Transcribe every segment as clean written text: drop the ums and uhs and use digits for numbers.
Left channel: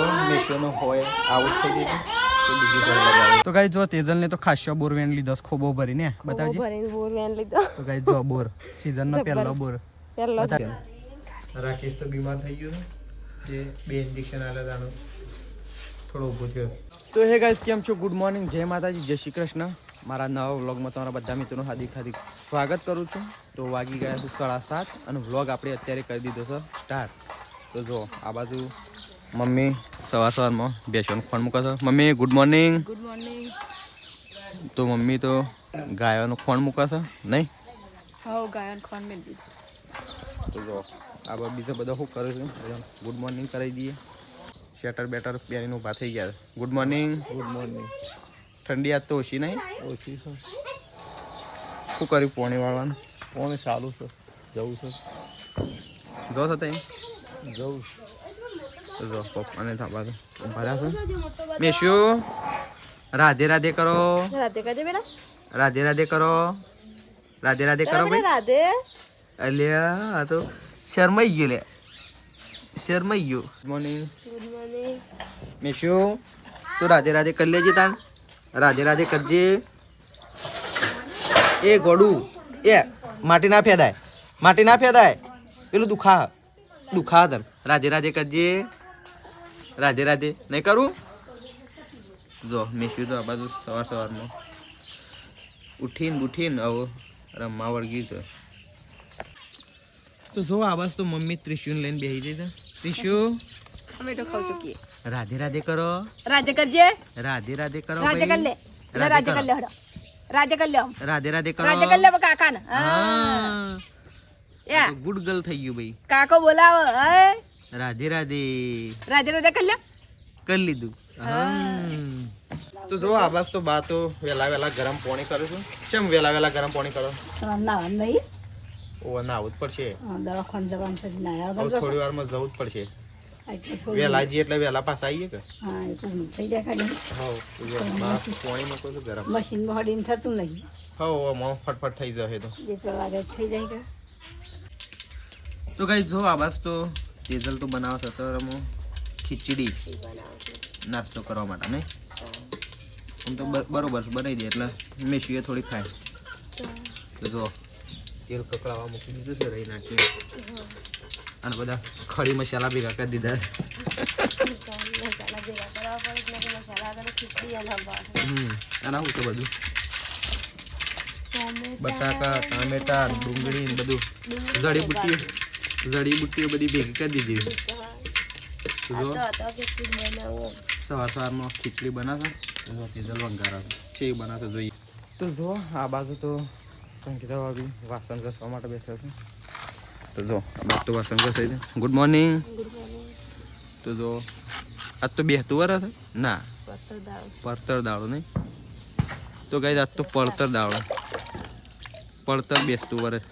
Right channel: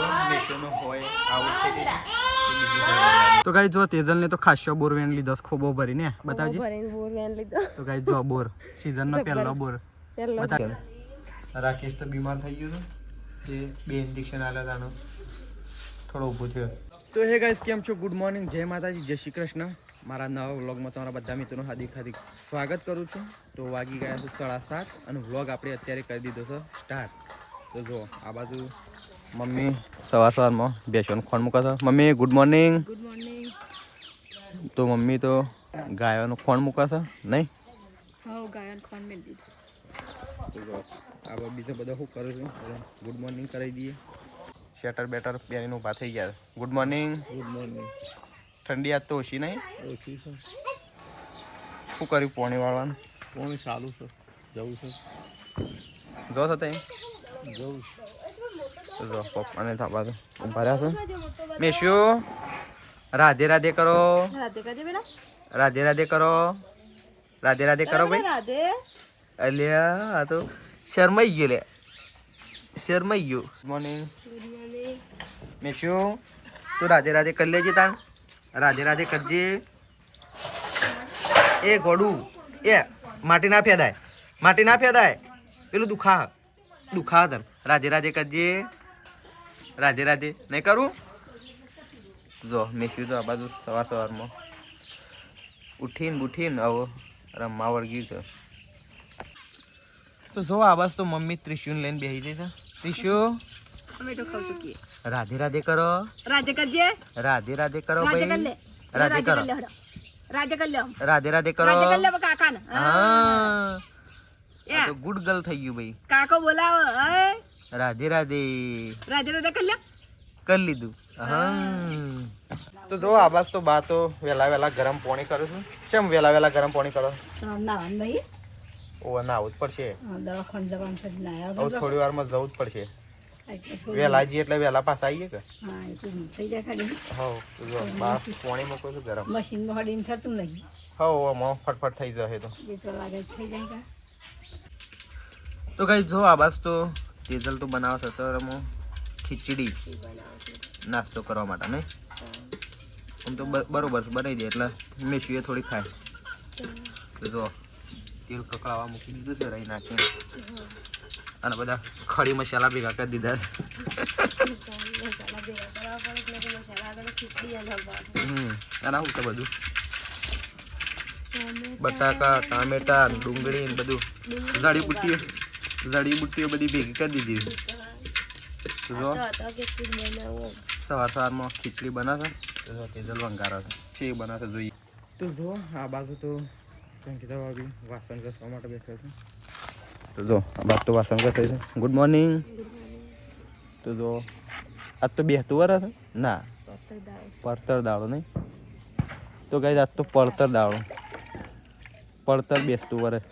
જો મેશોનો હોય આઉટ થઈ ગઈ તો બીજી કોઈ લગાવી. તો ગાઈસ જો તેજલ ને તો ખાસ્યો બોર વેન લીધો ખોબો ભરીને બતાવજી. ભરીને બોર વેન લીધો. તો ગાઈસ જો બોર સીઝન નો પહેલો બોર રાકેશ તો બીમાર થઈ ગયો છે જે બે ઇન્જેક્શન આલ્યા તાનો થોડો ઊભો થયો. તો હે ગાઈસ કેમ છો? ગુડ મોર્નિંગ, જય માતાજી, જય શ્રી કૃષ્ણ. મારા નવા વ્લોગમાં તમારા બધા મિત્રોનું હાર્દિક સ્વાગત કરું છું. તો વાગી ગયા છે 7:30 અને વ્લોગ આપણે અત્યારે કરી દીધો છે સ્ટાર્ટ. તો જો આ બાજુ મમ્મી સવારમાં બેસવાનું ખોણ મૂકે છે. Mummy good morning. Good morning. તો મમ્મી તો ગાયોનું ખોણ મૂકે છે નહીં? હા, ગાયોનું ખોણ મેળ દીધું. તો જો આ બીજા બધા શું કરે છે? ગુડ મોર્નિંગ કરાવી દઈએ. શેટર બેટર પહેરીને ઊભા થઈ ગયા. Good morning. Good morning. ઠંડી આજ તો ઓછી નહીં? ઓછી છે. શું કર્યું પોણી વાળવાનું? પોણી ચાલુ છે, જવું છે. જો છો ત્યાં જવું જો પપ્પાને થાપા તો ભર્યા છે. મેશ્યું રાધે રાધે કરો. રાધે રાધે કરો. રાધે રાધે કરો ભાઈ. અલ્યા આ તો શરમાઈ ગયો. લે શરમાઈ ગયો. Good morning. Good morning. મેશ્યું તું રાધે રાધે કરી લેજે તાણ. રાધે રાધે કરજે. એ ગોડું એ માટી ના ફેદાય, માટી ના ફેદાય, પેલું દુખા તને. રાધે રાધે કરજે. રાધે રાધે નહીં કરું? જો મેશ્યું તો આ બાજુ સવારમાં ઉઠીને હવે રમવા વળગ્યું છે. તો જો આ બાજુ તો મમ્મી ત્રિશુને લઈને બેસી જઈ છે. ત્રિશુ રાધે રાધે કરો. રાધે કરજે. રાધે રાધે કરો. રાધે કર લે. રાધે કર લે. રાધે કર લે. રાધે રાધે કરો. રાધે કર લે કાકા ને. હા એ તો ગુડ ગર્લ થઈ ગયું ભાઈ. કાકો બોલાવો. રાધે રાધે. રાધે રાધે કર લે. કરી લીધું. હા તો જો આબાસ તો બા તો વેલા ગરમ પાણી કરું છું. કેમ વેલા ગરમ પાણી કરો? નાવાનું નહીં. ઓ નાવું જ પડશે. દવાખાને જવાનું છે. હવે થોડી વારમાં જવું જ પડશે. વેલા જી એટલે વેલા પાછા આવીએ કે? હા એ તો થઈ જાય ખાલી. હા બા પાણી મૂકો છું ગરમ. મશીનમાં હડીને થતું નહીં. હા મો ફટફટ થઈ જશે તો. એ તો વાગે થઈ જાય કે. તો ગાઈસ જો આબાસ તો તેજલ તો બનાવે છે તો રમો ખીચડી નાસ્તો કરવા માટે ને. આમ તો બરોબર બનાવી દે એટલે મેશીએ થોડી ખાય. તો જો તેલ કકડાવા મૂકી દીધું છે રહી નાખીને અને બધા ખડી મસાલા ભેગા કરી દીધા. આના શું છે બધું? બટાકા, ટામેટા, ડુંગળી બધું જડીબુટ્ટીઓ બધી ભેગી કરી દીધી. જો સવારમાં ખીચડી બનાશે. તેજલ વંગારા છે બનાશે જોઈએ. તો જો આ બાજુ તો સંગીતા ભાભી વાસણ ઘસવા માટે બેઠા છે. તો જો આ બાજુ તો વાસણ ઘસાઈ છે. Good morning. તો જો આજ તો બેહતું વરસ ના પડતર દાળો નહીં. તો ગાઈસ આજ તો પડતર દાળો. પડતર બેસતું વરસ.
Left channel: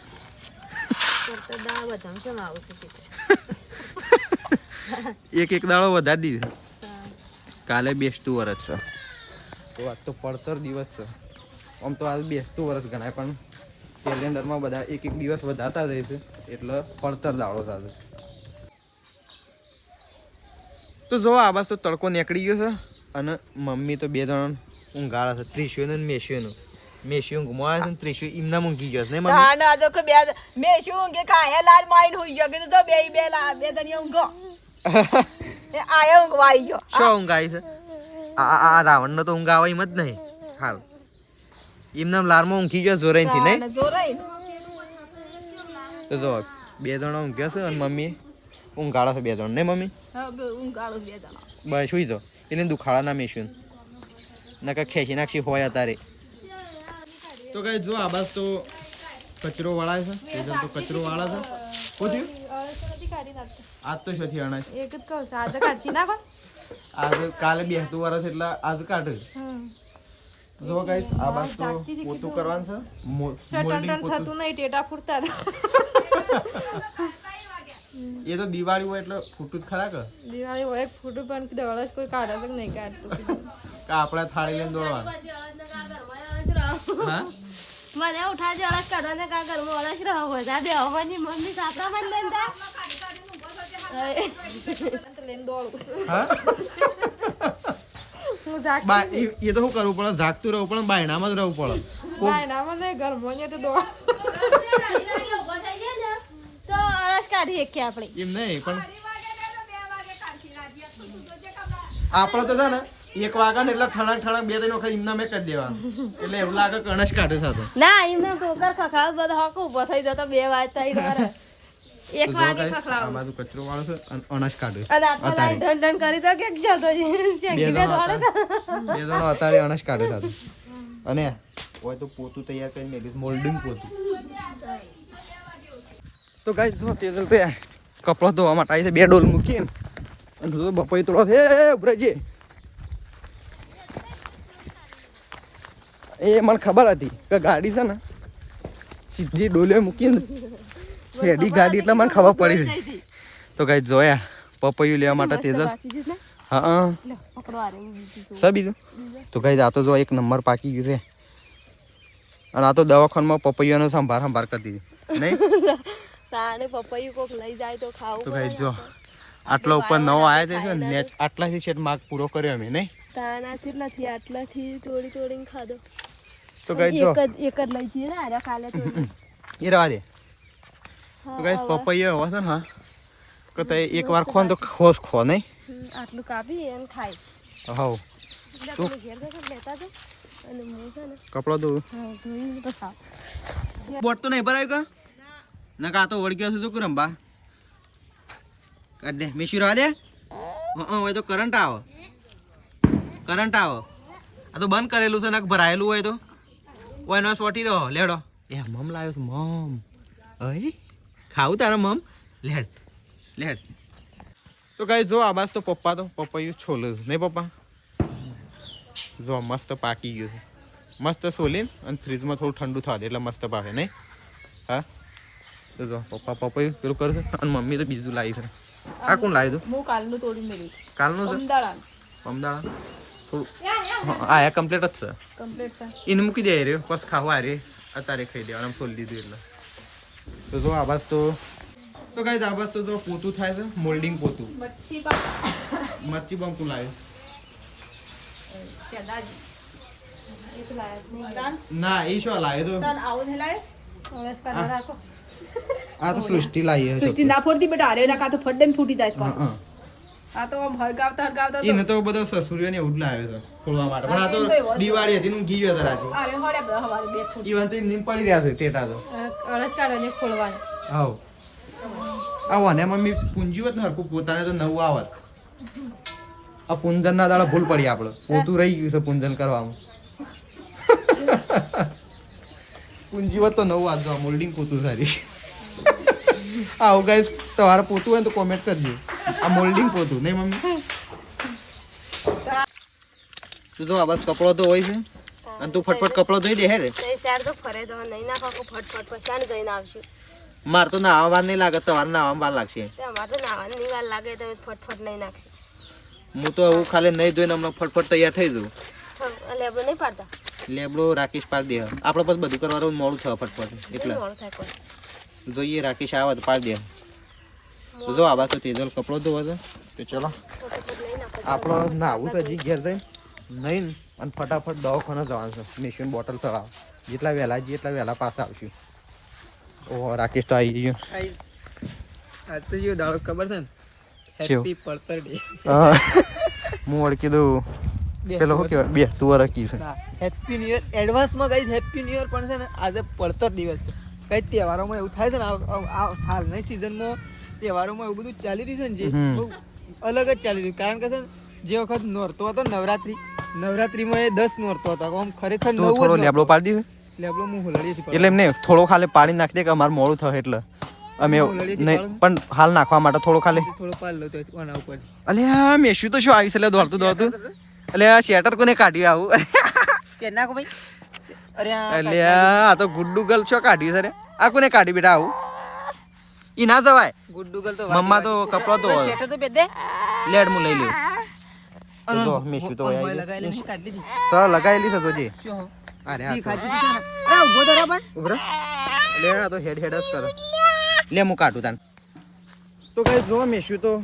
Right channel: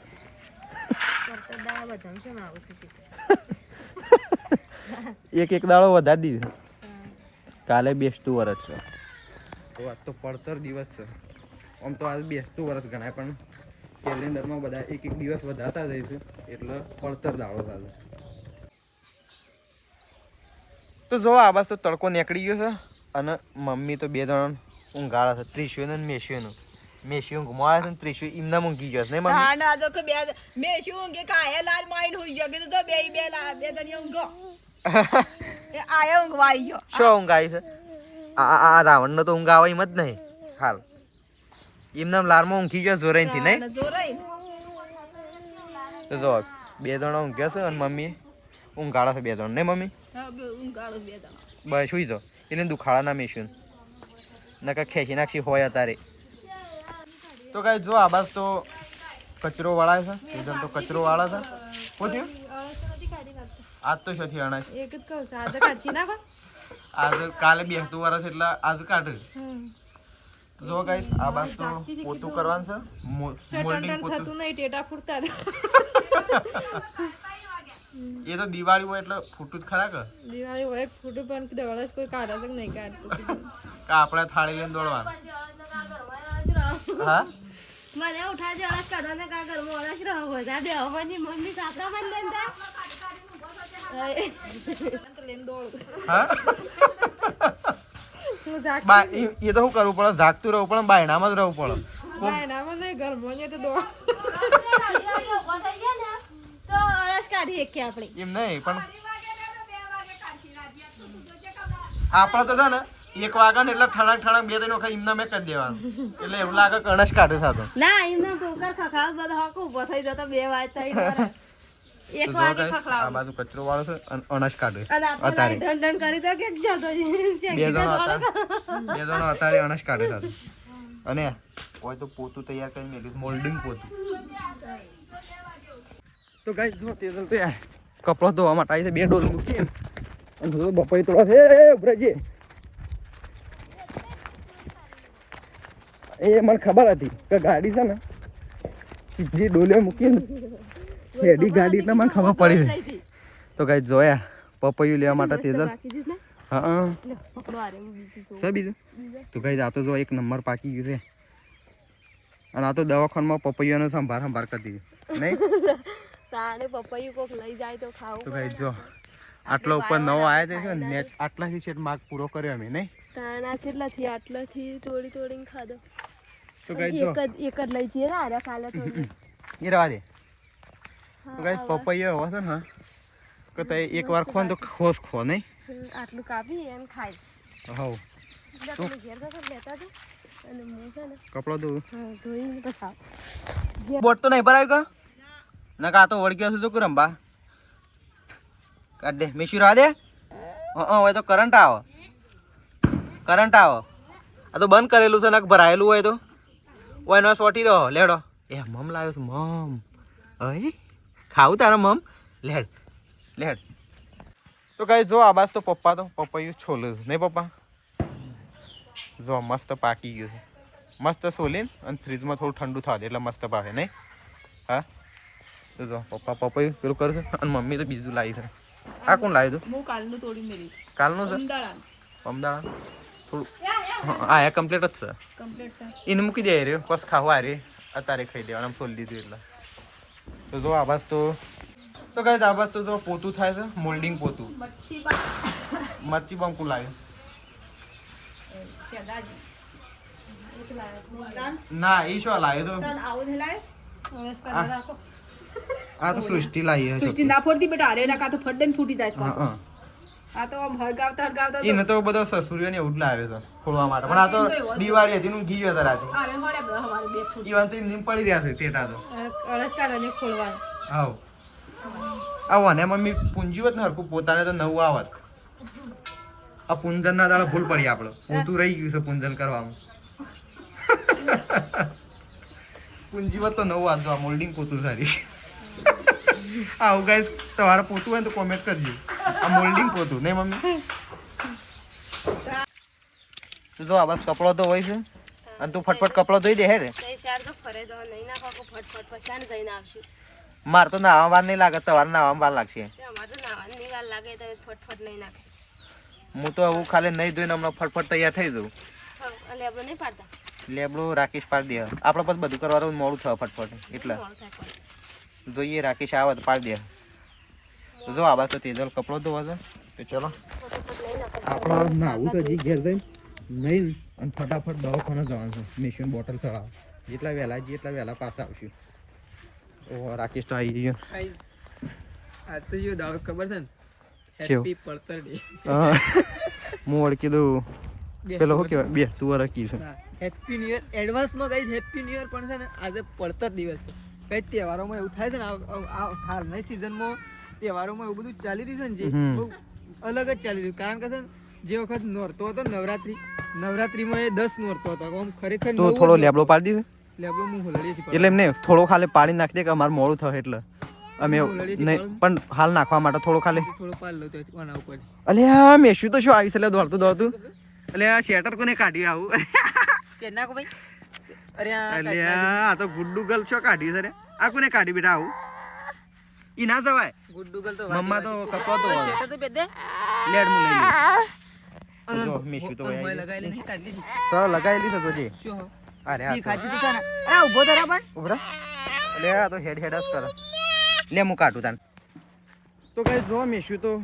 એક દાડો વધારી દીધો. કાલે બેસતું વરસ છે તો આજ તો પડતર દિવસ છે. આમ તો આજ બેસતું વરસ ગણાય પણ કેલેન્ડરમાં બધા એક દિવસ વધારતા જાય છે એટલે પડતર દાડો સાથે. તો જો આ બસ તો તડકો નીકળી ગયો છે અને મમ્મી તો બે જણ ઊંઘાડા છે. ત્રિશુને મેશ્યુનું. મેશ્યુ ઊંઘમાં આવે છે ને ત્રિશુ એમના ઊંઘી ગયો છે ને મમ્મી? હા ના જો કે બે મેશ્યુ ઊંઘે કાયા લાલ માઈન હોઈ ગયો કે તો બે દનિયા ઊંઘો. એ આયા ઊંઘવા આવી ગયો. શું ઊંઘ આવી છે? આ રાવણનો તો ઊંઘ આવે એમ જ નહીં હાલ. એમના લારમાં ઊંઘી ગયો જોરાઈથી નહીં? તો જો બે જણા ઊંઘ્યા છે અને મમ્મી ઊંઘાડા છે બે જણ ને મમ્મી? બસ સુઈ જો એને દુખાડા ના મેશ્યું નકા ખેંચી નાખી હોય અત્યારે. તો ગાઈસ જો આ બાજુ તો કચરો વાળાય છે. તેજલ તો કચરો વાળા છે. શું થયું? આજ તો શથી આણા છે. એક જ કહું છું આજ કાઢી નાખો. આજ કાલે બેસતું વરસ એટલે આજ કાઢે. જો ગાઈસ આ બાજુ તો પોતું કરવાનું છે. મોલ્ડિંગ થતું નહીં ટેટા ફૂટતા. એ તો દિવાળી હોય એટલે ફૂટું જ ખરા કે? દિવાળી હોય ફૂટું પણ દોડસ કોઈ કાઢે કે નહીં કાઢતું. આપડા થાળી લઈને દોડવાનું. હા મને ઉઠાજે અળસ કાઢવાને કા ઘરમાં અળસ રહો બધા બે આવવાની મમ્મી સાપરા માં લઈને હા બા એ તો શું કરવું પડે જાગતું રહેવું પડે બાયણામાં જ રહેવું પડે બાયણામાં નહીં ઘરમાં તો દોડ તો અરસ કાઢી કે આપણે એમ નહીં પણ આપણે તો છે ને 1 વાગે ને એટલે ઠણાક 2-3 વખત એમને મેં કરી દેવાનું એટલે એવું લાગે કે અણસ કાઢે થતો ના એમને ટોકર ખખડાવ બધા હક ઉભો થઈ જતો 2 વાગે 3 વાર એક વાગે ખખડાવ આ બાજુ કચરો વાળો છે અને અણસ કાઢે અને આપણે ઢંઢન કરી તો કે જતો છે બે જણો અત્યારે અણસ કાઢે થતો અને હોય તો પોતું તૈયાર કરી મેલી મોલ્ડિંગ પોતું તો ગાઈસ જો તેજલ પે કપડો ધોવા માટે આવી છે 2 ડોલ મૂકી અને તો બપોઈ તોડો છે ઉભરેજી એ મને ખબર હતી કે ગાડી છે ને સીધી ડોલે મૂકીને હેડી ગાડી એટલે મને ખબર પડી છે તો ગાઈસ જોયા પપૈયું લેવા માટે તેજલ હા સર બીજું તો ગાઈસ આ તો જો 1 નંબર પાકી ગયું છે અને આ તો દવાખાનામાં પપૈયાનો સંભાર કરી દીધી નહીં તાણે પપૈયું કોક લઈ જાય તો ખાવું તો ગાઈસ જો આટલા ઉપર નવો આવ્યા છે ને આટલાથી છેટ માર્ક પૂરો કર્યો અમે નહીં તાણા કેટલાથી આટલાથી તોડીને ખાધો તો ગાઈસ જો એક જ લઈ જઈએ ને આરે કાલે તોડી એ રવા દે તો ગાઈસ પપૈયો હોય છે ને હા કે તે એકવાર ખો ને તો ખો નહીં આટલું કાપી અને ખાઈ હાઉ તો ઘેર જતા લેતા જો અને હું છે ને કપડો ધોઉં હા ધોઈને પછી બોટ તો નહીં ભરાયું કા ના કા તો વળગ્યો છે તો કુરંબા કાઢ દે મેશી રવા દે હોય તો કરંટ આવે આ તો બંધ કરેલું છે ને ભરાયેલું હોય તો ઓય નો સોટી રહો લેડો એ મમ લાવ્યો છે મમ અય ખાવું તારા મમ લેડ તો ગાઈસ જો આ બાસ તો પપ્પા તો પપૈયું છોલે નહીં પપ્પા જો મસ્ત પાકી ગયું છે મસ્ત સોલીને અને ફ્રીજમાં થોડું ઠંડુ થવા દે એટલે મસ્ત પાકે નહીં હા તો જો પપ્પા પપૈયું પેલું કરશે અને મમ્મી તો બીજું લાવી છે આ કોણ લાવી તું હું કાલનું તોડી મેલી કાલનું છે પમદાળા થોડું હા આ કમ્પ્લીટ જ છે કમ્પ્લીટ છે એને મૂકી દે રે બસ ખાવા આ રે અત્યારે ખાઈ દેવાનું આમ સોલી દીધું એટલે તો જો આ બાસ તો ગાઈસ આ બાસ તો જો પોતું થાય છે મોલ્ડિંગ પોતું મચ્છી બંકુ લાવ્યું ના એ શું લાવ્યો તો આ તો સૃષ્ટિ લાવી છે સૃષ્ટિ ના ફોડતી બેટા અરે ના કા તો ફડન ફૂટી જાય પાછો આ તો આમ હરગાવતા એને તો બધો સસુરિયો ને એવું જ લાવે છે ખોલવા માટે પણ આ તો દિવાળી હતી નું ગી ગયો રાતે અરે હોડે બે હવારે બે ફૂટ ઈવન તો નીમ પડી રહ્યા છે ટેટા તો અરસ કાઢને ખોલવાનું હાઉ આવો ને મમ્મી પૂંજીવત ને હરકું પોતાને તો નવું આવત આ પૂંજન ના દાડા ભૂલ પડી આપણે પોતું રહી ગયું છે પૂંજન કરવામાં પૂંજીવત તો નવું આવતું આ મોલ્ડિંગ પોતું સારી આવું ગાઈસ તમારે પોતું હોય તો કોમેન્ટ કરજો આ મોલ્ડિંગ પોતું નહીં મમ્મી તું જો આ બસ કપડો તો હોય છે અને તું ફટફટ કપડો ધોઈ દે હે રે તો ફરે તો નહીં નાખો ફટફટ પછાણ જઈને આવશું માર તો નાવા વાર નહીં લાગે તમારે નાવામાં વાર લાગશે અમારે તો નાવાની વાર લાગે તો ફટફટ નહીં નાખશે હું તો હું ખાલી નહીં ધોઈને હમણાં ફટફટ તૈયાર થઈ જઉં લેબડો નહીં પાડતા લેબડો રાકેશ પાડી દે આપણે પછી બધું કરવાનું મોડું થાય ફટફટ એટલે જોઈએ રાકેશ આવે તો પાડી દે જો આ બાજુ તેજલ કપડો ધોવા છે તો ચલો આપણે નાવું છે હજી ઘેર જઈને નહીં અને ફટાફટ દવાખાને જવાનું છે મેશિન બોટલ ચડાવ જેટલા વહેલા જઈએ એટલા વહેલા પાછા આવશું ઓહો રાકેશ તો આવી ગયો આજ તો જો દાડો ખબર છે ને ચેવ હેપી પડતર ડે હું ઓળખી દઉં પેલો શું કહેવાય બે તું ઓળખી છે હેપી ન્યુ યર એડવાન્સમાં કઈ હેપી ન્યુ યર પણ છે ને આજે પડતર દિવસ છે કઈ તહેવારોમાં એવું થાય છે ને આ હાલની સિઝનમાં તહેવારોમાં એવું બધું ચાલી રહ્યું છે ને જે બહુ અલગ જ ચાલી રહ્યું કારણ કે છે ને જે વખત નોરતો હતો નવરાત્રીમાં એ 10 નોરતો હતો આમ ખરેખર તો થોડો લેબડો પાડી દીધો લેબડો હું હોલડી એટલે એમ નહીં થોડો ખાલી પાણી નાખી દે કે અમારે મોડું થાય એટલે અમે નહીં પણ હાલ નાખવા માટે થોડો ખાલી થોડો પાલ લો તો આના ઉપર અલ્યા મેશું તો શું આવી છે દોડતું અલ્યા શેટર કોને કાઢ્યું આવું કે નાખો ભાઈ અલ્યા આ તો ગુડ્ડુ ગર્લ શું કાઢ્યું છે રે આ કોને કાઢી બેટા આવું ઈ ના જવાય ગુડ્ડુ ગલ તો મમ્મા તો કપડો તો શેટર તો બે દે લેડ મુ લઈ લે જો મેશું તો આવી લગાવેલી કાઢી લીધી સર લગાવેલી છે જોજે શું અરે આ ઈ ખાતી તું ને અરે ઉભો ધરા પણ ઉભરા લે આ તો હેડ જ કર લે હું કાઢું તાન તો કઈ જો મેશું તો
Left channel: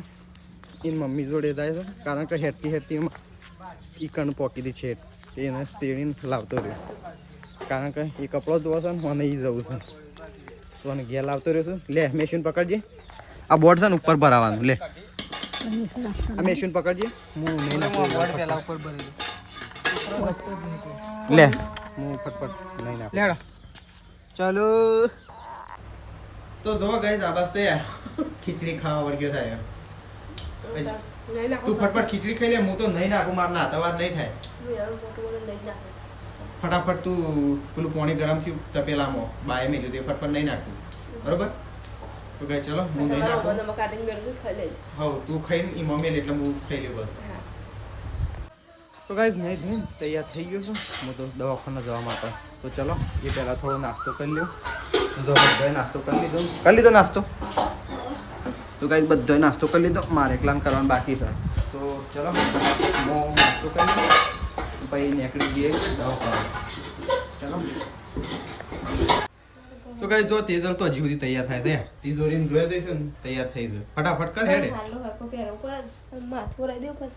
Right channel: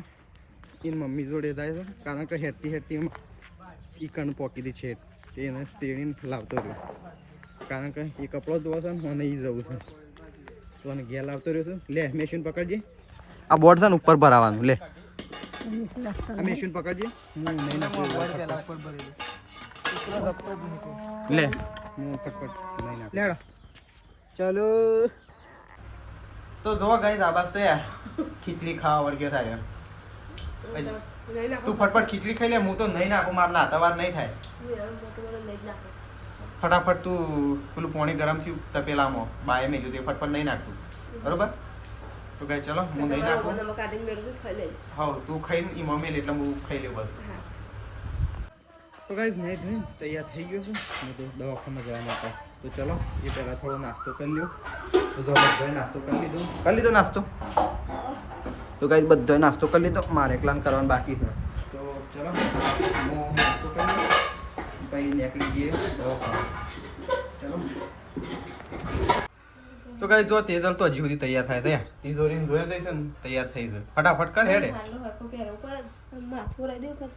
એની મમ્મી જોડે જાય છે કારણ કે હેરતી એમાં ઈ કણ પોકી દી છે એને તેડીને લાવતો રહ્યો કારણ કે એ કપડો ધોવો છે ને મને એ જવું છે તો મને ઘેર લાવતો રહ્યો છું લે મેશીન પકડજે આ બોર્ડ છે ને ઉપર ભરાવાનું લે આ મેશીન પકડજે હું નહીં નાખું લે હું ફટફટ નહીં નાખું લેડો ચાલો તો જો ગઈ આબાસ તો યાર ખીચડી ખાવા વળગ્યો થાય તું ફટફટ ખીચડી ખાઈ લે હું તો નહીં નાખું મારે નાતાવાર નહીં થાય ફટાફટ તું પેલું પાણી ગરમ થયું તપેલામાં બાય મેલ્યું તે ફટફટ નહીં નાખતું બરોબર તો કઈ ચલો હું નહીં નાખું હા તું ખાઈને ઈ મમ્મી એટલે હું ખાઈ લઉં બસ તો ગાઈઝ નહીં ધોઈને તૈયાર થઈ ગયો છું હું તો દવાખાને જવા માટે તો ચલો એ પહેલાં થોડો નાસ્તો કરી લ્યો બધો નાસ્તો કરી લીધો નાસ્તો તો ગાઈઝ બધો નાસ્તો કરી લીધો મારે એકલાને કરવાનું બાકી છે તો ચલો હું નાસ્તો કરી લઉં પછી નીકળી જઈએ દવાખાને ચલો તો ગાઈઝ જો તેજલ તો હજી સુધી તૈયાર થાય છે તિજોરીને જોઈ દઈશ ને તૈયાર થઈ જાય ફટાફટ કર હેડે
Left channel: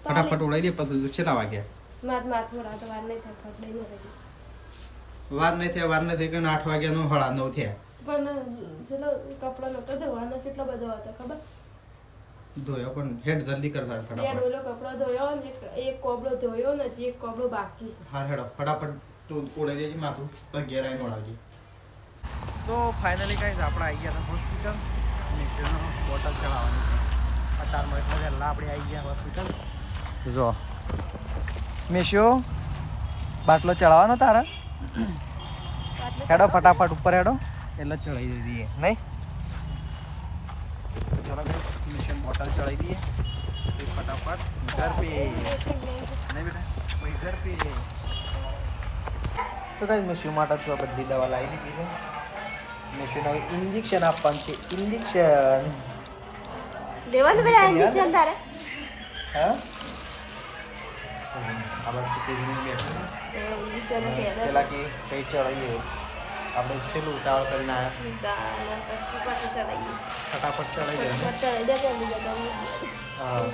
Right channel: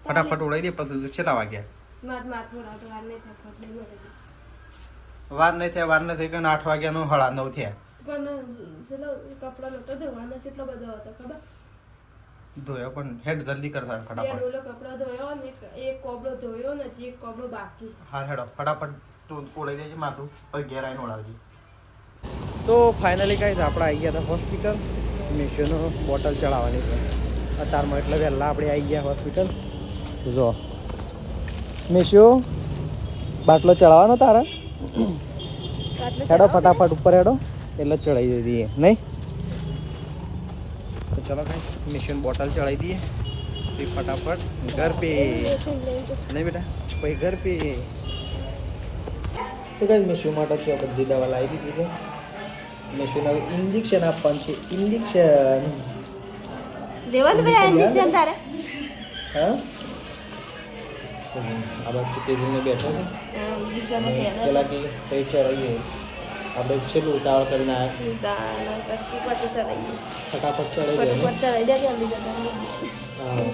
ફટાફટ ઉડાઈ દે પછી છેલ્લા વાગ્યા વાર નહીં થયા વાર નથી કે 8 વાગ્યાનો 9:30 થયા ધોયો પણ હેડ જલ્દી કર ફટાફટ હા હેડો ફટાફટ તું ઉડાઈ દેજે માથું પછી ઘેર આવીને ઉડાવજે તો ફાઇનલી ગાઈઝ આપણે આવી ગયા હતા હોસ્પિટલ મેશોનો બોટલ ચડાવવાની છે અત્યારમાં એટલે વહેલા આપણે આવી ગયા હોસ્પિટલ જો મેશો બાટલો ચડાવવાનો તારા હેડો ફટાફટ ઉપર હેડો એટલે ચડાવી દઈએ નહીં તો ચલો મેશોની બોટલ ચડાવી દઈએ फिर फटाफट घर पे नहीं बेटा भाई घर पे तो गाइस मैं शू માટે તો બધી દવા લાવી દીધી છે મેં શું હવે ઇન્જેક્શન આપવાનું છે ઇન્જેક્શન હા આ બાજુ તેજલને બેઠો છે અને પેલા કે કઈ ચડાવીએ આપણે છેલ્લું ઉતાવળ કરીને ફટાફટ ચડાવી દે ને હા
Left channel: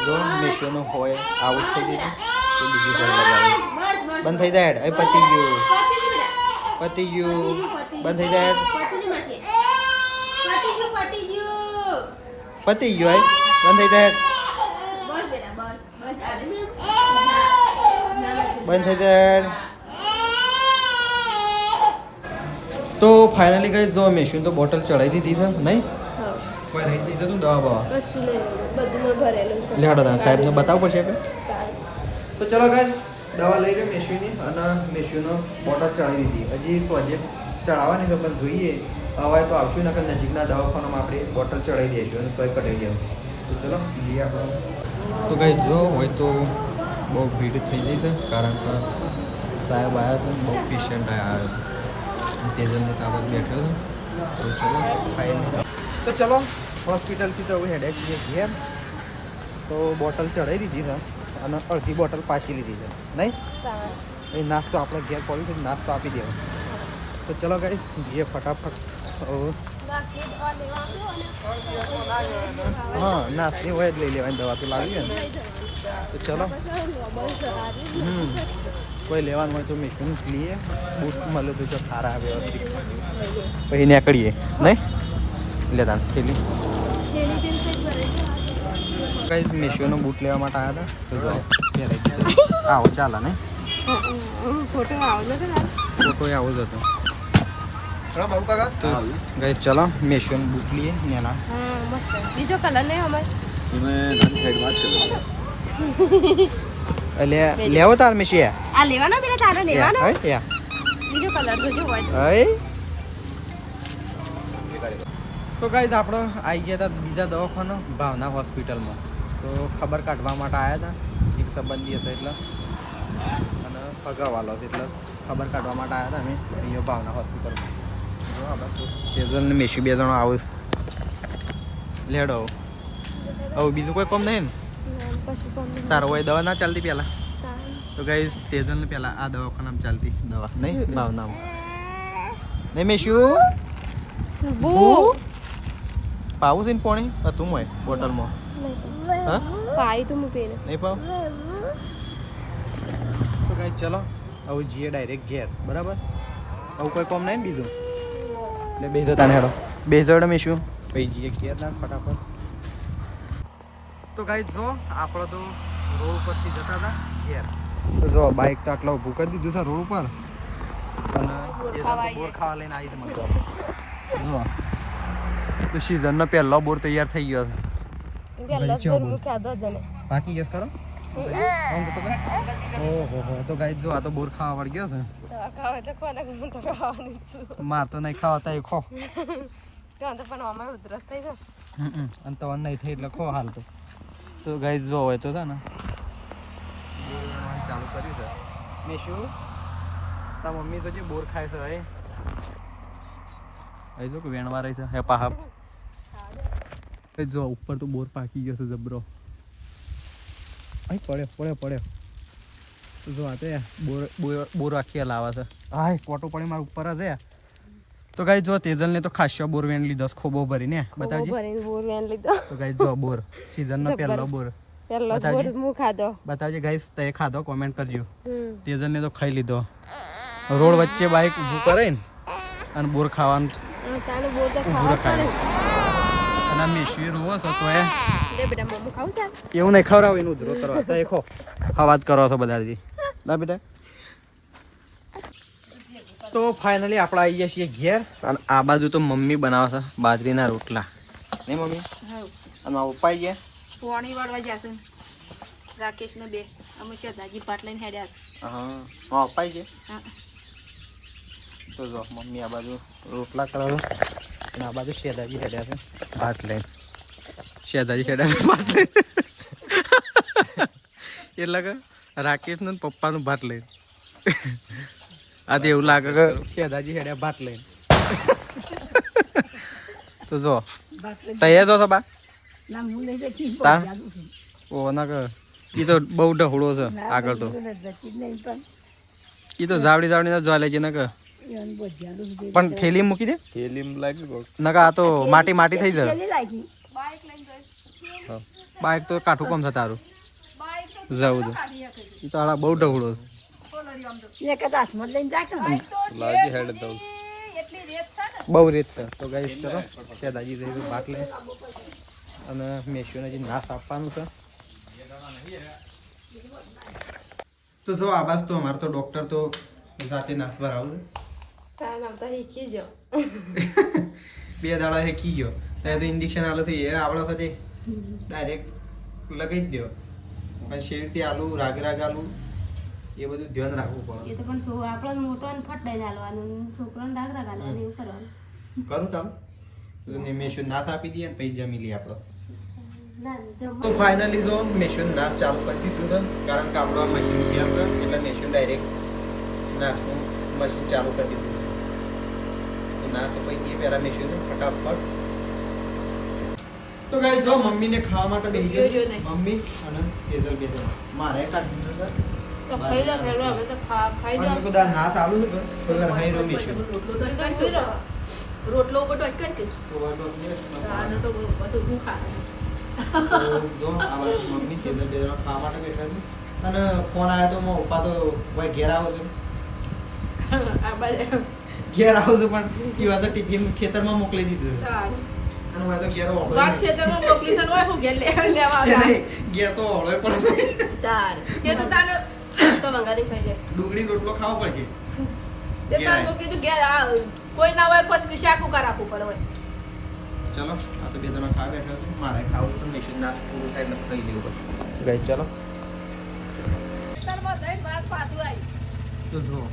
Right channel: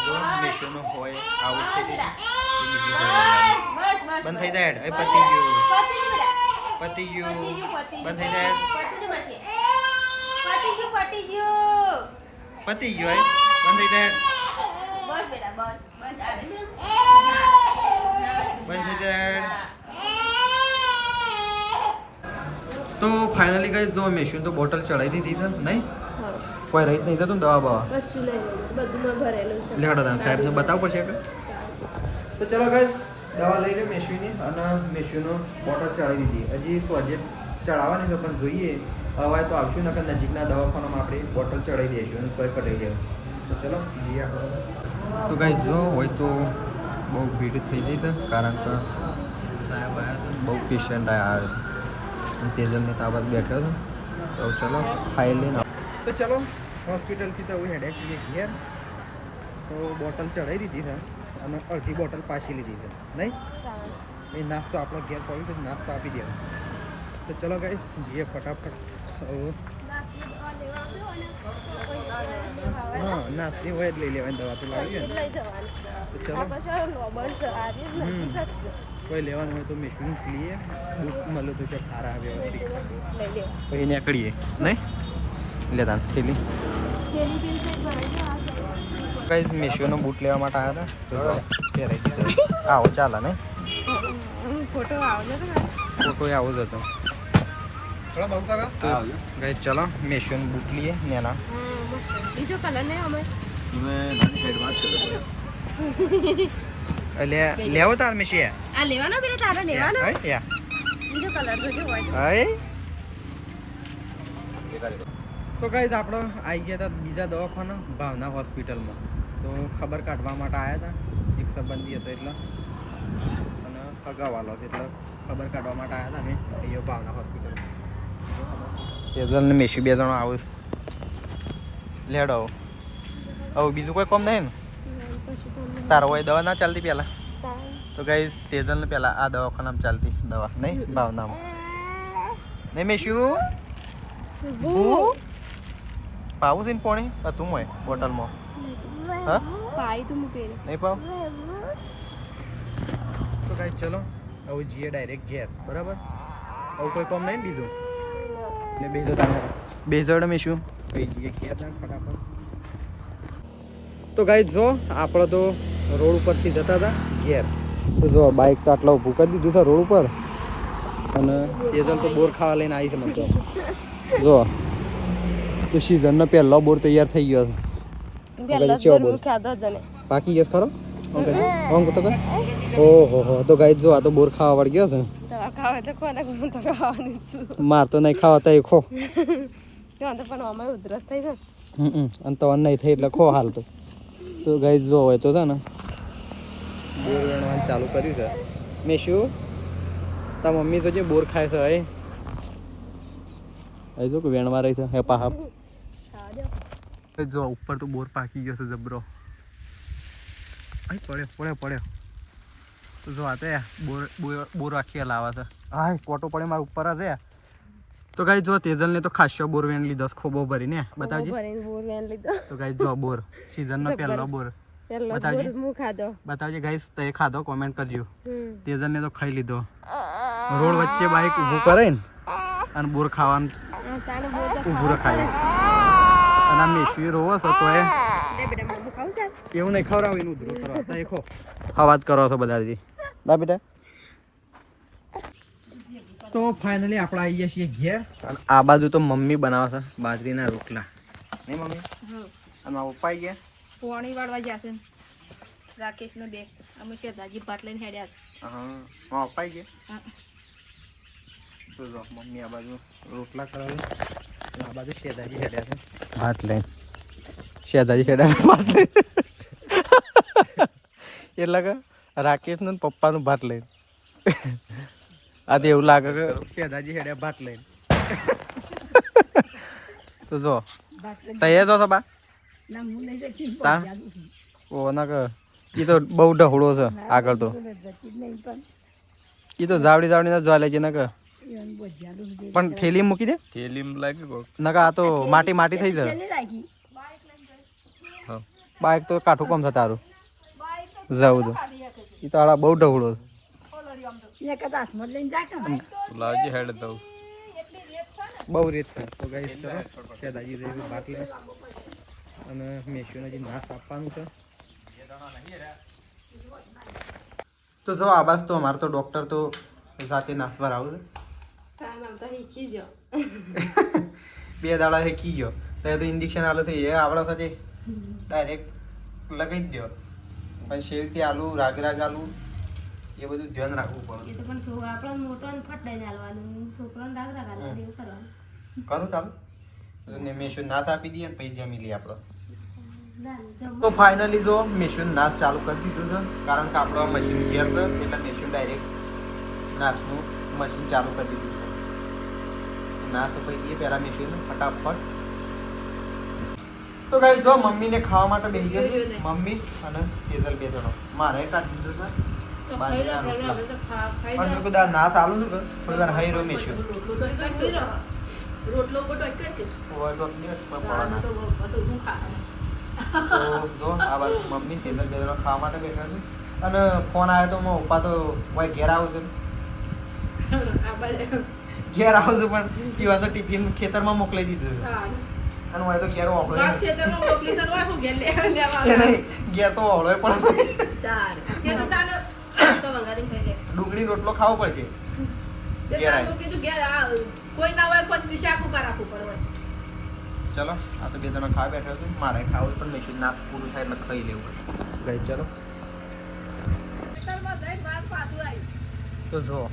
જો મેશોનો હોય આઉટ થઈ ગયું તો બીજી કોઈ લગાવી બંધ થઈ જાય એ પતી ગયું બંધ થઈ જાય પતી ગયું બંધ થઈ જાય બંધ થઈ જાય તો ફાઇનલી ગઈ જો મેશીન તો બોટલ ચડાવી દીધી છે નહીં કોઈ રહી નહીં થતું દવા બવા લેડો સાહેબને બતાવવું પડશે કે તો ચલો ગાઈસ દવા લઈ લે મેશીની અને મેશીનો બોટલ ચડાવી દીધી હજી સોજે ચડાવવાની છે પણ જોઈએ હવે તો આવશું ને કે નજીકના દવાખાનામાં આપણે બોટલ ચડાવી દઈશું અને કોઈ કટાઈ જાય તો ચલો જઈએ આપણે તો ગાઈસ જો હોય તો બહુ ભીડ થઈ જઈ છે કારણ કે સાહેબ આવ્યા છે બહુ પેશન્ટ આવ્યા છે તેજલને તાબાત બેઠો છે તો ચલો ફાઇનલી તો ચલો હોસ્પિટલથી તો હવે હેડે છીએ ઘેર તો બોટલ ચડાવી દીધી છે અને અડધી બોટલ પાછી લીધી છે નહીં એ નાસ્તો આપણે ઘેર પડ્યું છે નાસ્તો આપી દેવો તો ચલો ગાઈસ જઈએ ફટાફટ હા નાસ્તી હોય જ લઈ લેવાની દવા તો લાવી ને તો ચલો કોઈ લેવાનું હોય તો મેશીન લઈએ બૂટ મળે તો જો સારા વ્યવસ્થિત પછી નીકળીએ નહીં લેતા થેલી કઈ મેશોનો બૂટ લેવા માટે આવ્યા હતા તો જો પહેરાઈ દીધો આવો ચાલે ને ફોટો આવો જ હતો તો ગઈ ચલો મેશોનો બૂટ લઈએ નેના બીજો કલર નહીં અમાર એટલે લેવો તાર મેશી આ લેવાના બેટા તારે લેવાના યા બીજો કલર જોજો હોય હઈ તો ગાઈઝ આપણે આવી ગયા હતા બીજા દવાખાના ભાવના હોસ્પિટલમાં તો ખબર કાઢવા માટે આવ્યા હતા એક સંબંધી હતો એટલે અને પગાવાલો હતો એટલે ખબર કાઢવા માટે આવ્યા હતા અમે અહીંયા ભાવના હોસ્પિટલમાં તેજલને મેશી બે જણો આવું લેડો હવે બીજું કોઈ કોમ નહીં ને તારો હોય દવા ના ચાલતી પહેલાં તો ગાઈઝ તેજલને પહેલાં આ દવાખાનામાં ચાલતી દવા નહીં ભાવનામાં નહીં મેશું બુ પાવું છે ને પાણી તું મોય બોટલમાં હા પાઈ તો હું પીને નહીં પાવ તો કાંઈ ચલો હવે જઈએ ડાયરેક્ટ ઘેર બરાબર આવું કોઈ કામ નહીં ને બીજું એટલે બેસો તને હેડો બેસો હેડો મેં શું કઈ જઈએ ઘેર ના ફટાફટ તો ગાઈ જો આપણે તો રોડ ઉપરથી જતા હતા ઘેર તો જો બાઇક તો આટલા ઊભું કરી દીધું છે રોડ ઉપર અને તેજલ તો બોર ખાવા લઈને આવી છે મને તો જો તો સિઝનનો પહેલો બોર તૈયાર થઈ ગયો છે કદી ચેવો બોર પાકી ગયો છે ખરો ઓમ તો કે ઓહો હો તો ગાઈ જો આ તો બોર ખાવા વળી ગયો છે માર તો નહીં ખાવા તો ખો અને તો નહીં થઈ એટલે ખો હાલ તો ગાઈ જો હોય તો છે ને બોર વેણવાનું ચાલુ કર્યું છે મેં શું તા મમ્મી તો જે બોર ખાય છે હવે જો કે વેણમાં રહી છે હે પાહપ જો ઉપર તો બોર પાકી ગયો છે જબરો અહીં પડ્યો જો આ તો બોર આખી લાવે છે હા કોટો પડે મારા ઉપર જ તો ગાઈ જો તેજલ ને તો ખાસ્યો બોર વેણ લીધો ખોબો ભરીને બતાવજે તો ગાઈ જો બોર સીઝન નો પહેલો બોર બતાવજે ગાઈસ તે ખાધો કોમેન્ટ કરજો તેજલ ને તો ખાઈ લીધો રોડ વચ્ચે બાઈક ઊભું કરે ને અને બોર ખાવાનું ઊભું રખાય અને આ મેશવી રોવો છો તો એવું નહીં ખવડાવ એનું ઉધરો કરવા તો ખો હવાજ કરો છો બધાજી ના બેટા તો ફાઇનલી આપણે આવી ગયા છીએ ઘેર અને આ બાજુ તો મમ્મી બનાવે છે બાજરીના રોટલા નહીં મમ્મી અને મારા પપ્પા આવી ગયા પોણી વાળવા જશે રાકેશ ને બે અમે શેતાજી પાટ લઈને હેડ્યા છે હા મારા પપ્પા આવી ગયા તો જો મમ્મી આ બાજુ રોટલા કરે છે અને આ બાજુ શેતાજી હેડ્યા છે ભાત લઈને શેતાજી હેડ્યા છે ભાત લઈને એટલે કે રાકેશનું પપ્પાનું ભાત લઈને આ તો એવું લાગે કે શેતાજી હેડ્યા ભાત લઈને તો જો તૈયાર જો બા ઓ ના કે એ તો બહુ ઢહુડો છે આગળ તો એ તો જાવડી ના જોવા લેજે ના કે પણ થેલી મૂકી દે ના કે આ તો માટી થઈ જાય બાઈક તો કાઠું કોમ છે તારું જવું તો એ તો આડા બહુ ઢહુડો બહુ રેત છે તો ગાઈસ ચલો ત્યાં દાજી જઈશું ભાત લે અને મેસ્યુને જે નાશ આપવાનું છે તો જો આબાસ તો અમારે તો ડોક્ટર તો સાથે નાશ પર આવશે બે દાડા શીખી ગયો તો એ તો ઇન્જેક્શન આલો થઈ એ આપણા સાથે ડાયરેક્ટ લગાવી જ દો પછી શેરથી આલુ રાગ આલુ એ બધું ધ્યાન રાખવું પડે એ તો પણ આપણો મોટો ને ફટાઈને આલવાનું છોકરાને રાગ આલવાનું એવું કરવાનું કરું ચાલો તો મેસ્યુ નાશ આપી દઈએ પછી જમી લઈએ આપણો તો ફાઇનલી જો મેસ્યુ નાશ ચાલુ કરી દીધું છે કારણ કે આપણો મશીન ઘેર છે એટલે મેસ્યુ ડાયરેક્ટ નાશનું મશીન ચાલુ કરી દીધું ના તો પછી એ પહેલા મેસ્યુ ફટાફટ તો ગાઈસ જો મમ્મીને ખાવા માટે બેસી ગયો મમ્મી અને તેજલ બે જણો મારે કાઢી દીધું છે ના ચાલુ છે કોઈ વાર હાઈ રમેશ્યો રોટલો બટો એક કે જો આ બાજુ મમ્મી તેજલ બે જણો ખાવા માટે બેઠા છે અને ફોન આવ્યો તો મારા પપ્પા તો ભાઈ ઘેર આવો છે ઘેર આવો છે પણ એ વાત ટિફિન ખેતરમાં મોકલી દીધું છે અને હું તો ઘેર ઓળો ખેતરમાં મોકલી છે હોય હું ઘેર લેવા ઘેર તો ઓળો પડે ચાર કે તો તાનો તો મંગાડી ખાઈ જાય ડુંગળી રોટલો ખાવો પડશે તે તાનો કીધું ઘેર આ કોઈ ના હોય કોઈ શાક ઉકા રાખવું પડે હોય ચલો આ તો બે જણા ખાવા બેઠા છે મારે ખાવું પણ મેં ના પૂરું થાય એટલે ખાઈ લેવું પડે ગઈ ચલો ખેતરમાં જઈને વાત પાછું આવી તો જો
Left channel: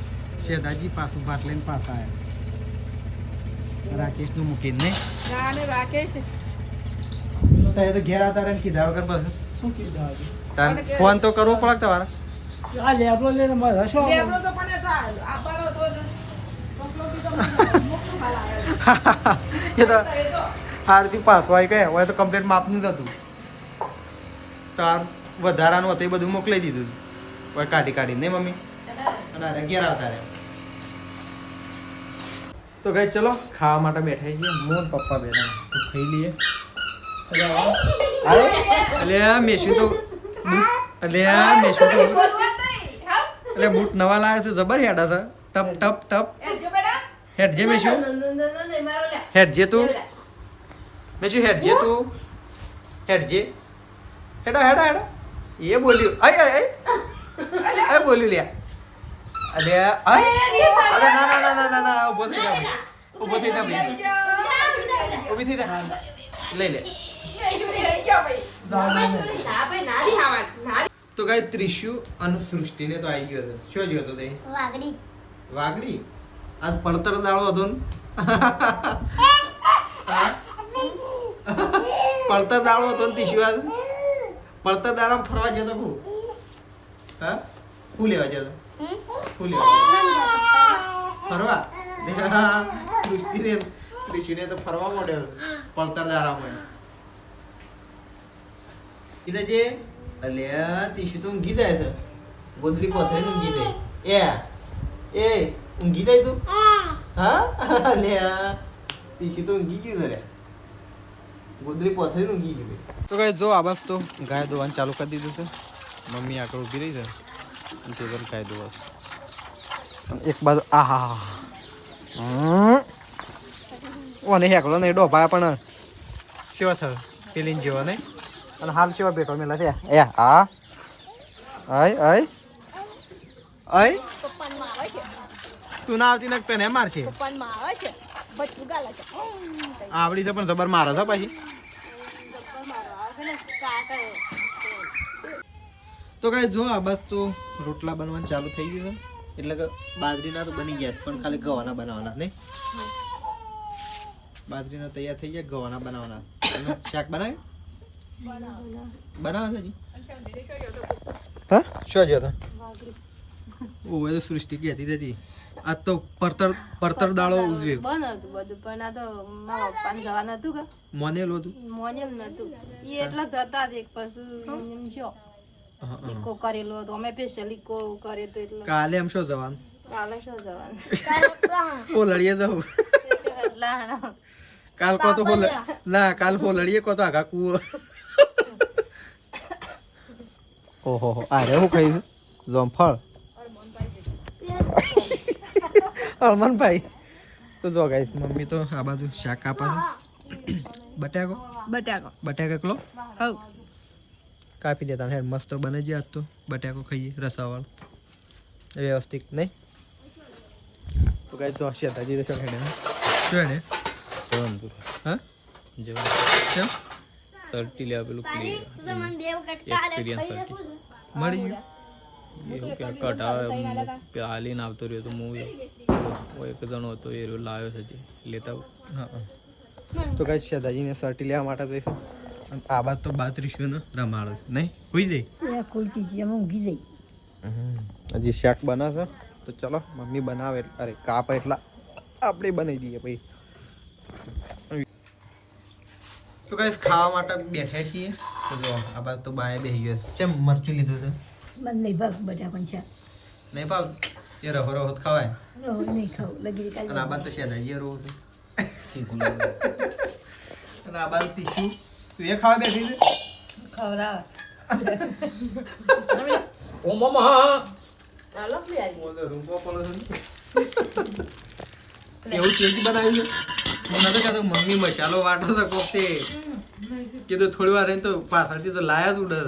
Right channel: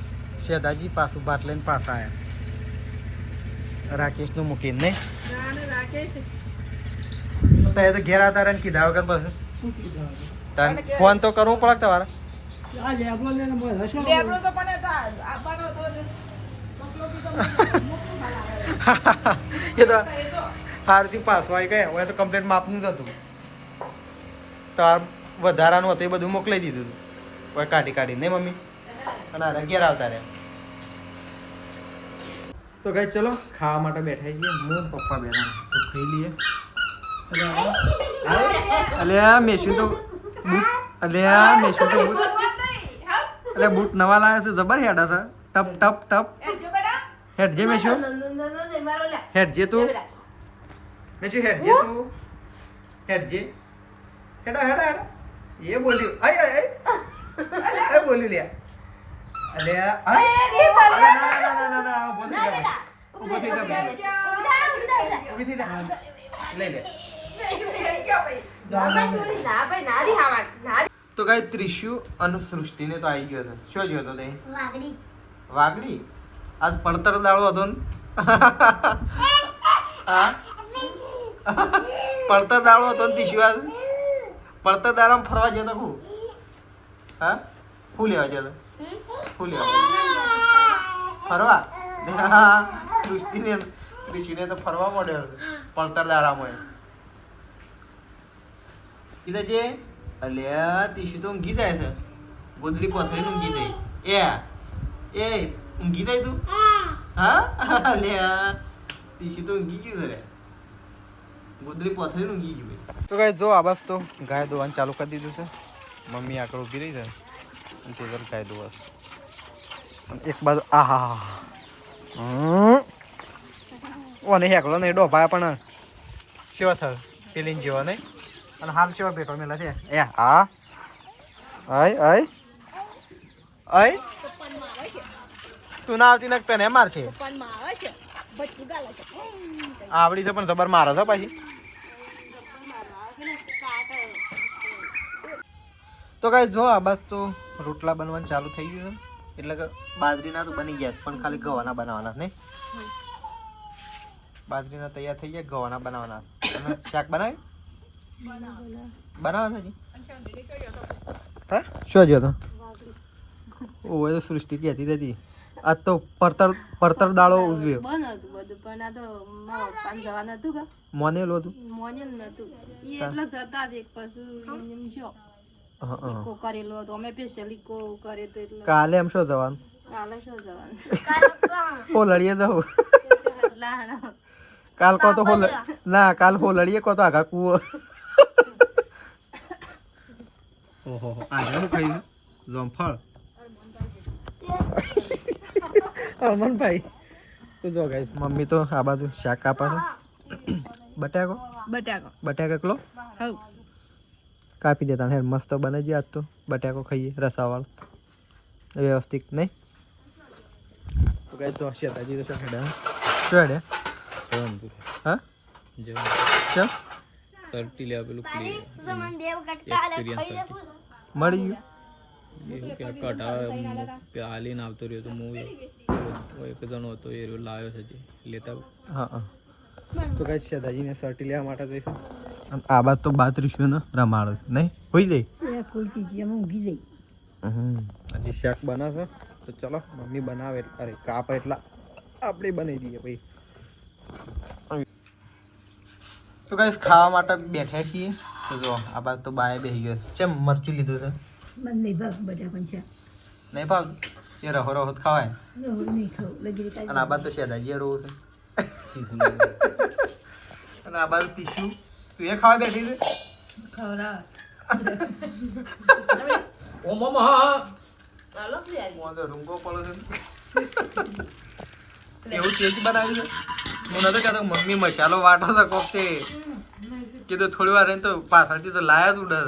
શેદાજી પાછું ભાત લઈને પાછા આવ્યા રાકેશનું મૂકીને નહીં ગાને રાખે છે તો એ તો ઘેર આવતા રહે કીધા વગર બસ ફોન તો કરવો પડે તમારે લેબડો લઈને હશો લેબડો તો પણ આપવાનો તો ટોકલો કીધો મોકલું હાલ એ તો હારથી પાછું આવી ગયા હવે તો કમ્પ્લીટ માપનું જ હતું તો આ વધારાનું હતું એ બધું મોકલી દીધું હવે કાઢી નહીં મમ્મી અને ઘેર આવતા રહે તો ગાઈસ ચલો ખાવા માટે બેઠા છીએ હું ને પપ્પા બેઠા તો ખાઈ લઈએ અલ્યા મેશું તો બૂટ અલ્યા મેશું તો બૂટ અલ્યા બૂટ નવા લાવ્યા છે જબર હેડા છે ટપ ટપ ટપ હેડ જે મેશું હેડ જે તું મેશું હેડ જે તું હેડ જે હેડા હેડા હેડા એ બોલ્યું આય આય આય બોલ્યું લ્યા અલ્યા આય અરે ના ના ના ના ના ના ઊભો થઈ જા ઊભો થઈ જા ઊભી થઈ જા લઈ લે તો ગાય ત્રિશુ અને સૃષ્ટિને તો આવી ગયો છે શું જોયો તો તે વાગડી આજ પડતર દાળો હતો ને પડતર દાળો હતો ને ત્રિશુ આજ પડતર દાડામાં ફરવા જતો હું હા શું લેવા જતો શું લેવા ફરવા સૃષ્ટિને ત્રિશુને તો ફરવા માંડ્યો પડતર દાડામાં કીધે છે અલ્યા ત્રિશુ તો ઊંઘી જાય છે ગોદડી પથરી ઊંઘી જાય એ ઊંઘી જાય તું હા અલ્યા ત્રિશુ તો ઊંઘી ગયું છે ગોદડી પથરી ઊંઘી ગયું તો ગાય જો આ બસ તો ગાય દોવાનું ચાલુ કરી દીધું છે મમ્મી આગળ ઊભી રહી છે અને તે તો ગાય દોવા એક બાજુ આહા ઓને હેકલો નહીં ડોભાયા પણ સેવા થાય પેલીને જેવા નહીં અને હાલ સેવા બેઠો મેલા છે એ હા અય અય અય તું ના આવતી નક તને માર છે આવડી છે પણ જબર મારે છે પાછી તો કઈ જો આ બસ તો રોટલા બનવાનું ચાલુ થઈ ગયું છે એટલે કે બાજરીના તો બની ગયા પણ ખાલી ગવાના બનાવવાના નહીં બાજરીના તૈયાર થઈ ગયા ગવાના બનાવવાના અને શાક બનાવ્યું બનાવે છે હે શું જોતો ઓવે તો સૃષ્ટિ કહેતી હતી આજ તો પડતર દાળો ઉજવ્યો બનાવતું બધું પણ આ તો મારા પપ્પાને જવાનું હતું કે મોનેલું હતું મોનેલ નતું એ એટલા જતા જ એક પછી એમ જો ઈકો કરેલો હતો અમે સ્પેશિયલ ઈકો કર્યો તો એટલે કાલે એમ શું જવાનું કાલે શું જવાનું હોલડીએ જવું લાણા કાલ કો તો ના કાલ હોલડીએ કો તો આખા કૂવો ઓહો આ રે હું ખાઈ જોમફળ અરમાનભાઈ તો જો ગાઈસ મમ્મી તો આ બાજુ શાક કાપા છે બટાકો બટાકા કિલો હવ કાપી દેતા હેડ મસ્ત બને છે આજ તો બટાકો ખાઈએ રસાવાળો વ્યવસ્થિત નહીં તો ગાઈસ તો શેતાજી રહેશે હેડે શું હેડે હા કેમ સર્ટી લેવા પેલું એક્સપિરિયન્સ સર્ટી મળી ગયું એવું કે કઢા હાલીને આવતો રહ્યો તો હું એક જણો હતો એ લાવ્યો છે જે લેતા હા હા તો ગાઈસ શેતાજીને સર્ટી લેવા માટે જઈશું અને આ બાદ તો 32 ને રમાડો છે નહીં હોઈ જાય હજી શાક બનાવશે તો ચલો મમ્મી બનાવે અરે કાપ એટલા આપણે બનાવી દઈએ ભાઈ તો ગાઈસ ખાવા માટે બેઠા છીએ તો જો આ બાદ તો બાય બેસી ગયો છે મરચું લીધું છે નહીં ભાવ એ રહો રહો ખવાય અને આ બાદ તો શેદાજી રહું છે અને આ બાદ તીખું તું એ ખાવા બેઠી છે રૂંગો પડો છે એવું તેજ બનાવ્યું છે હું નતો કહેતો મમ્મી મસાલો વાટો તો કોફતે કીધું થોડી વાર રહીને તો પાછળથી તો લાયા જ ઉડે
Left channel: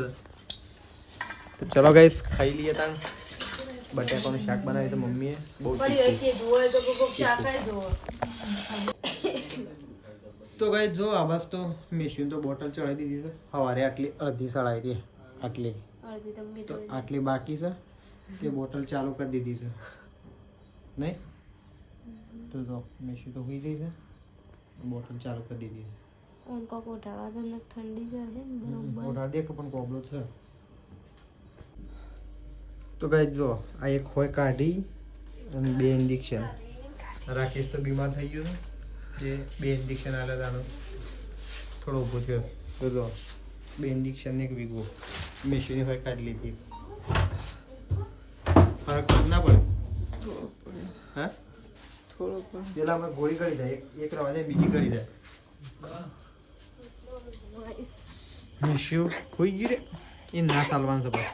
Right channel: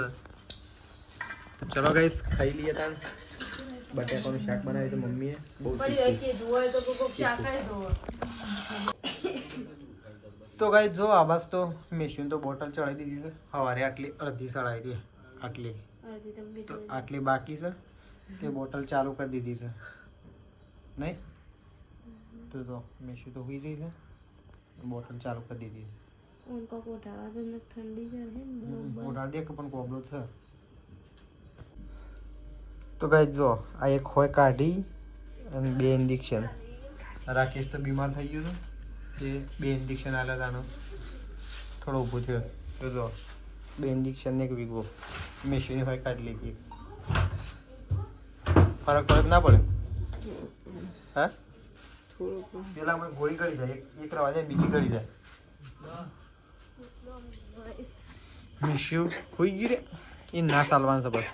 તો ચલો ગાઈસ ખાઈ લઈએ તાન બટાકાનું શાક બનાવ્યું તો મમ્મીએ બહુ તો ગાઈસ જો આવાજ તો મેશીન તો બોટલ ચડાવી દીધી છે સવારે આટલી અડધી ચડાવી હતી આટલી તો આટલી બાકી છે તે બોટલ ચાલુ કરી દીધી છે નહીં તો જો મેશી તો હોઈ ગઈ છે બોટલ ચાલુ કરી દીધી છે ઓઢાડ દે કે પણ કોબલો છે તો ગાઈસ જો આ એક હોય કાઢી અને 2 ઇન્જેક્શન રાકેશ તો બીમાર થઈ ગયો છે જે 2 ઇન્જેક્શન આલ્યા તાનો થોડો ઊભો થયો તો જો 2 ઇન્જેક્શન ને એક વીગો મેશી હોય કાઢી લીધી ફરક પડે ના પડે હા થોડુંક પેલા અમે ગોળી કરી જાય એક રવા જાય બીજી કરી જાય શિવ ખોઈ ગઈ રે એ ના ચાલવાનું છે બસ